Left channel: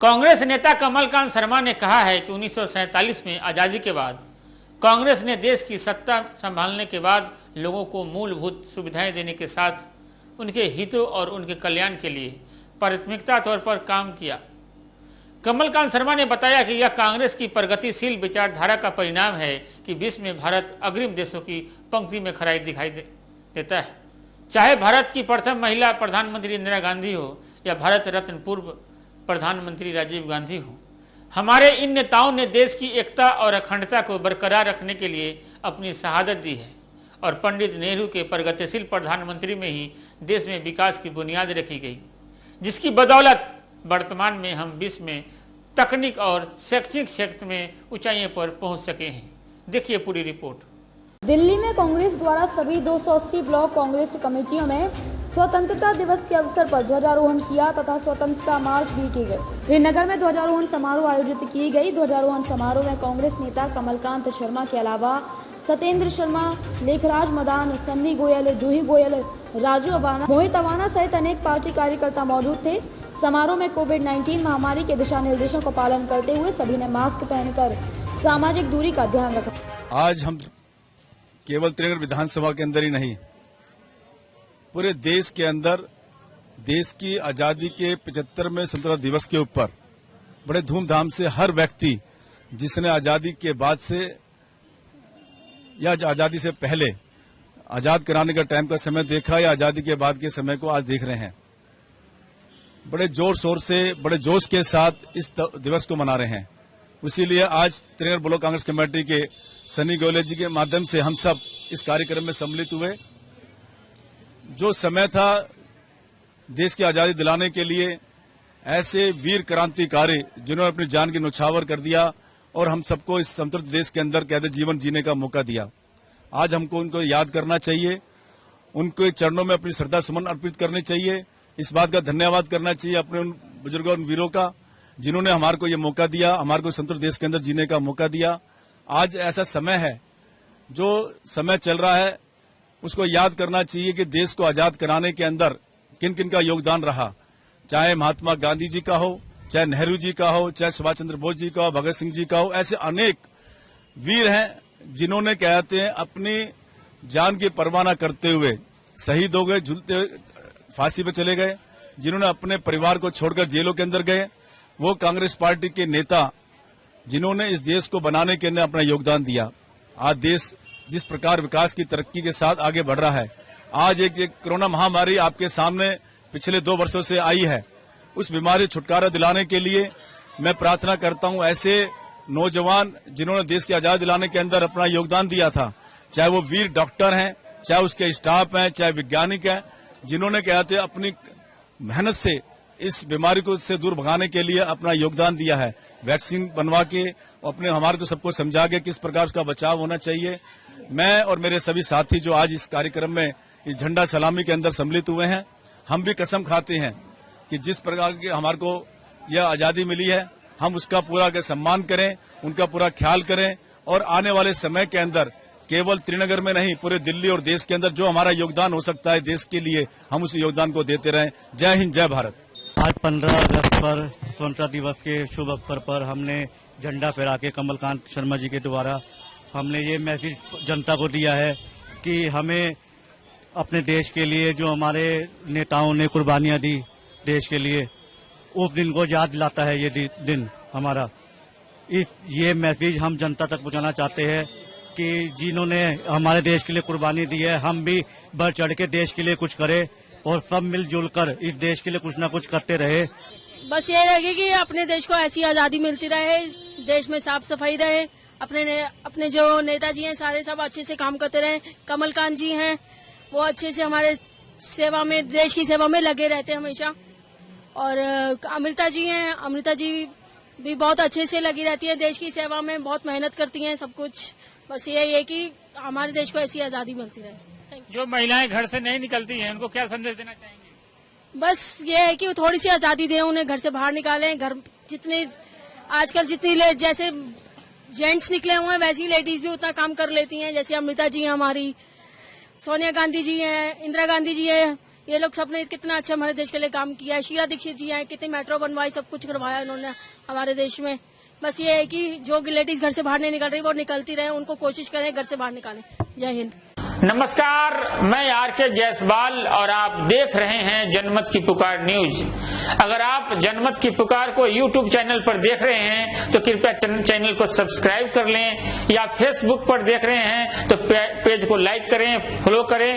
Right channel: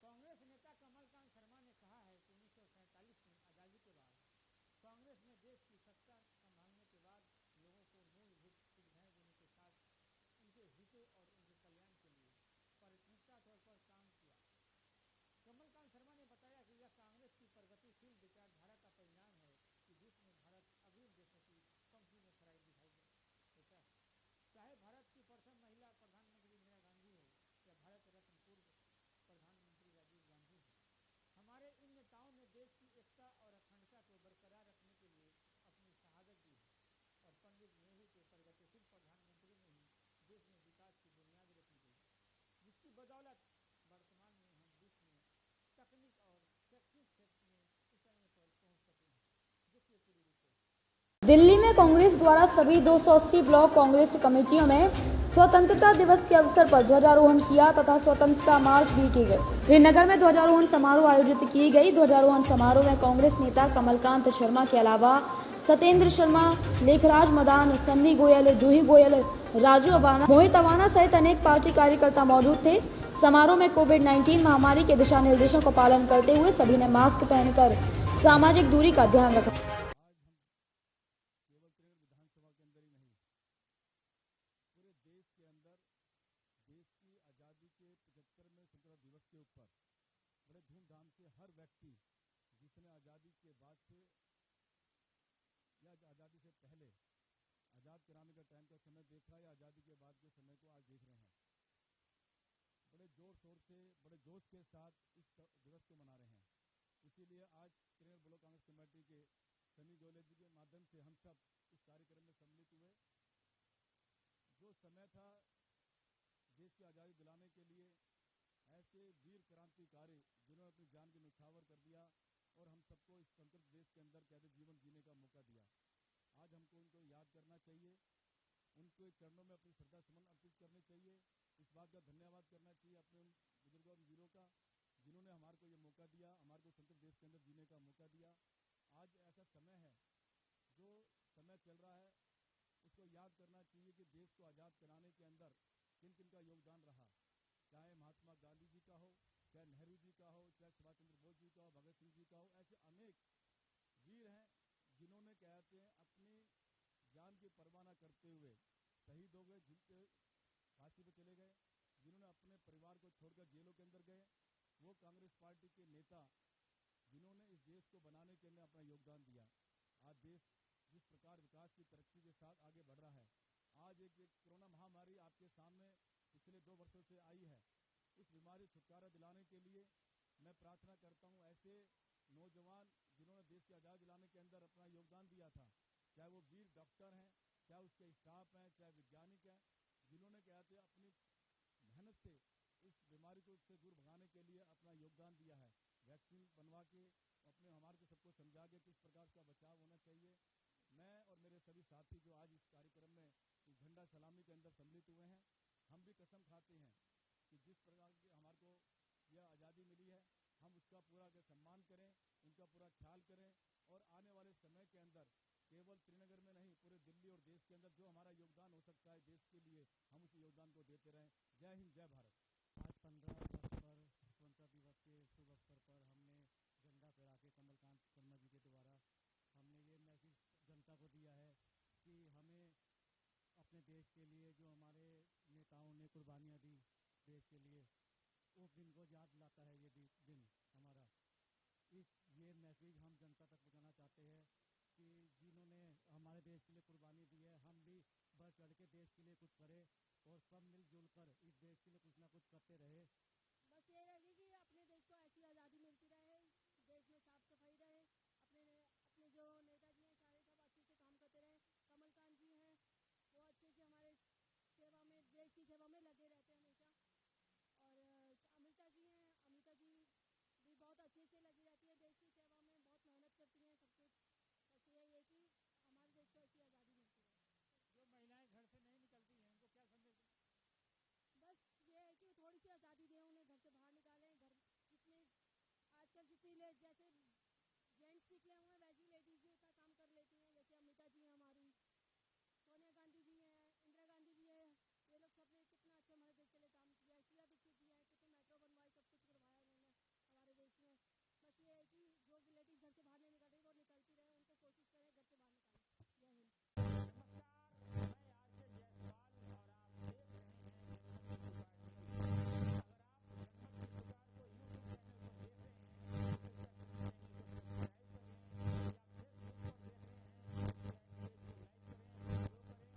कांग्रेस नेता कमलकांत शर्मा ने कहा है कि 1947 में आज़ादी के बाद कांग्रेस ने देश की सत्ता संभालने के बाद लोगों को मूलभूत सुविधाएं देने के साथ उनके हितों और उनके कल्याण के लिए प्राथमिकता तौर पर काम किया। कमलकांत शर्मा ने बताया कि यह कांग्रेस की प्रगतिशील विचारधारा का परिणाम है कि विश्व में भारत अग्रिम देशों की पंक्ति में खड़ा दिखाई देता है। चाहे भारत की प्रथम महिला प्रधानमंत्री इंदिरा गांधी हो या भारत रत्न पूर्व प्रधानमंत्री राजीव गांधी हो, हमारे इन नेताओं ने देश की एकता और अखंडता को बरकरार रखने के लिए अपनी शहादत दी है और पंडित नेहरू के प्रगतिशील प्रधानमंत्री में ही देश में विकास की बुनियाद रखी गई, जिसकी बदौलत वर्तमान में हम विश्व में तकनीक और शैक्षणिक क्षेत्र में ऊंचाइयों पर पहुंच सके हैं। देखिए पूरी रिपोर्ट। दिल्ली में कांग्रेस द्वारा सभी 280 ब्लॉक कांग्रेस कमेटियों में स्वतंत्रता दिवस के अवसर पर ध्वजारोहण किया तथा स्वतंत्रता मार्च भी की गई। श्रीनगर में ध्वजारोहण समारोह आयोजित की गई। ध्वजारोहण समारोह में कांग्रेस नेता कमलकांत शर्मा के अलावा सत्येंद्र शर्मा, लेखराज मदान, सन्नी गोयल, जूही गोयल, राजू अबाना, मोहित अबाना सहित अनेक पार्टी कार्यकर्ता मौजूद थे। समारोह में कोविड-19 महामारी के दिशा निर्देशों का पालन करते हुए सभी ने मास्क पहनकर सामाजिक दूरी का ध्यान रखा। आज हम केवल त्रिनगर विधानसभा के अंदर ही नहीं, पूरे देश के अंदर देश की आजादी के 75वें स्वतंत्रता दिवस के ऊपर बड़े धूमधाम से हर व्यक्ति जिसने आजादी के बाद से या आजादी से पहले आजाद कराने का टाइम का समय देखा या आजादी के बाद के समय को आज देख रहे हैं, बड़े जोर शोर से बड़े जोश के साथ इस दिवस को मना रहे हैं। इसीलिए आज त्रिनगर ब्लॉक कांग्रेस कमेटी के सनी गोयल जी के माध्यम से हम सब इस कार्यक्रम में सम्मिलित हुए। जो समय था देश की आजादी दिलाने के लिए, ऐसे वीर क्रांतिकारी जिन्होंने अपनी जान की न्यौछावर कर दिया और हम सबको इस स्वतंत्र देश के अंदर कहते जीवन जीने का मौका दिया। आज हमको उनको याद करना चाहिए, उनके चरणों में अपनी श्रद्धा सुमन अर्पित करनी चाहिए। इस बात का धन्यवाद करना चाहिए अपने उन बुजुर्गों, उन वीरों का जिन्होंने हमारे को ये मौका दिया, हमारे को स्वतंत्र देश के अंदर जीने का मौका दिया। आज ऐसा समय है, जो समय चल रहा है उसको याद करना चाहिए कि देश को आजाद कराने के अंदर किन किन का योगदान रहा। चाहे महात्मा गांधी जी का हो, चाहे नेहरू जी का हो, चाहे सुभाष चंद्र बोस जी का हो, भगत सिंह जी का हो, ऐसे अनेक वीर हैं जिन्होंने कहते हैं अपनी जान की परवाह न करते हुए शहीद हो गए, झूलते फांसी पे चले गए, जिन्होंने अपने परिवार को छोड़कर जेलों के अंदर गए। वो कांग्रेस पार्टी के नेता जिन्होंने इस देश को बनाने के लिए अपना योगदान दिया। आज देश जिस प्रकार विकास की तरक्की के साथ आगे बढ़ रहा है, आज एक कोरोना महामारी आपके सामने पिछले 2 वर्षों से आई है, उस बीमारी छुटकारा दिलाने के लिए मैं प्रार्थना करता हूं ऐसे नौजवान जिन्होंने देश की आजादी दिलाने के अंदर अपना योगदान दिया था, चाहे वो वीर डॉक्टर हैं, चाहे उसके स्टाफ हैं, चाहे वैज्ञानिक हैं, जिन्होंने कहते हैं अपनी मेहनत से इस बीमारी को से दूर भगाने के लिए अपना योगदान दिया है। वैक्सीन बनवा के अपने हमारे को सबको समझा के किस प्रकार उसका बचाव होना चाहिए। मैं और मेरे सभी साथी जो आज इस कार्यक्रम में इस झंडा सलामी के अंदर सम्मिलित हुए हैं, हम भी कसम खाते हैं कि जिस प्रकार की हमारे को यह आजादी मिली है, हम उसका पूरा सम्मान करें, उनका पूरा ख्याल करें और आने वाले समय के अंदर केवल त्रिनगर में नहीं, पूरे दिल्ली और देश के अंदर जो हमारा योगदान हो सकता है देश के लिए, हम उस योगदान को देते रहें। जय हिंद, जय भारत। आज 15 अगस्त पर स्वतंत्रता दिवस के शुभ अवसर पर हमने झंडा फहरा के कमलकांत शर्मा जी के द्वारा हमने ये मैसेज जनता को दिया है कि हमें अपने देश के लिए जो हमारे नेताओं ने कुर्बानियां दी देश के लिए, उस दिन को याद दिलाता है ये दिन हमारा। ये मैसेज हम जनता तक पहुंचाना चाहते हैं कि जिन्होंने हमारे देश के लिए कुर्बानी दी है, हम भी बढ़ चढ़ के देश के लिए कुछ करें और सब मिलजुल कर इस देश के लिए कुछ न कुछ करते रहे। बस ये रहेगी कि अपने देश को ऐसी आजादी मिलती रहे, देश में साफ सफाई रहे, अपने जो नेताजी हैं सारे सब अच्छे से काम करते रहे। कमलकांत जी हैं वो अच्छे से हमारे सेवा में, देश की सेवा में लगे रहते हैं हमेशा। और अमृता जी हैं, अमृता जी भी बहुत अच्छे से लगी रहती है देश की सेवा में, बहुत मेहनत करती हैं सब कुछ। बस यही है कि हमारे देश को ऐसी आजादी मिलती रहे। जो महिलाएं घर से नहीं निकलती हैं उनको क्या संदेश देना चाहेंगे? बस ये है कि थोड़ी सी आजादी दें उन्हें, घर से बाहर निकालें। घर जितने आजकल जैसे जेंट्स निकले हुए हैं वैसी लेडीज भी उतना काम कर लेती हैं। जैसे अमृता जी हैं हमारी, सोनिया गांधी जी हैं, इंदिरा गांधी जी हैं, ये लोग सबने कितना अच्छा हमारे देश के लिए काम किया है। शीला दीक्षित जी हैं, कितनी मेट्रो बनवाई, सब कुछ करवाया उन्होंने हमारे देश में। बस ये है कि जो लेडीज घर से बाहर नहीं निकल रही वो निकलती रहे, उनको कोशिश करें घर से बाहर निकालें। जय हिंद। नमस्कार, मैं आर.के. जायसवाल और आप देख रहे हैं जनमत की पुकार न्यूज। अगर आप जनमत की पुकार को यूट्यूब चैनल पर देख रहे हैं तो कृपया चैनल को सब्सक्राइब कर लें, या फेसबुक पर देख रहे हैं तो पेज को लाइक करें, फॉलो करें।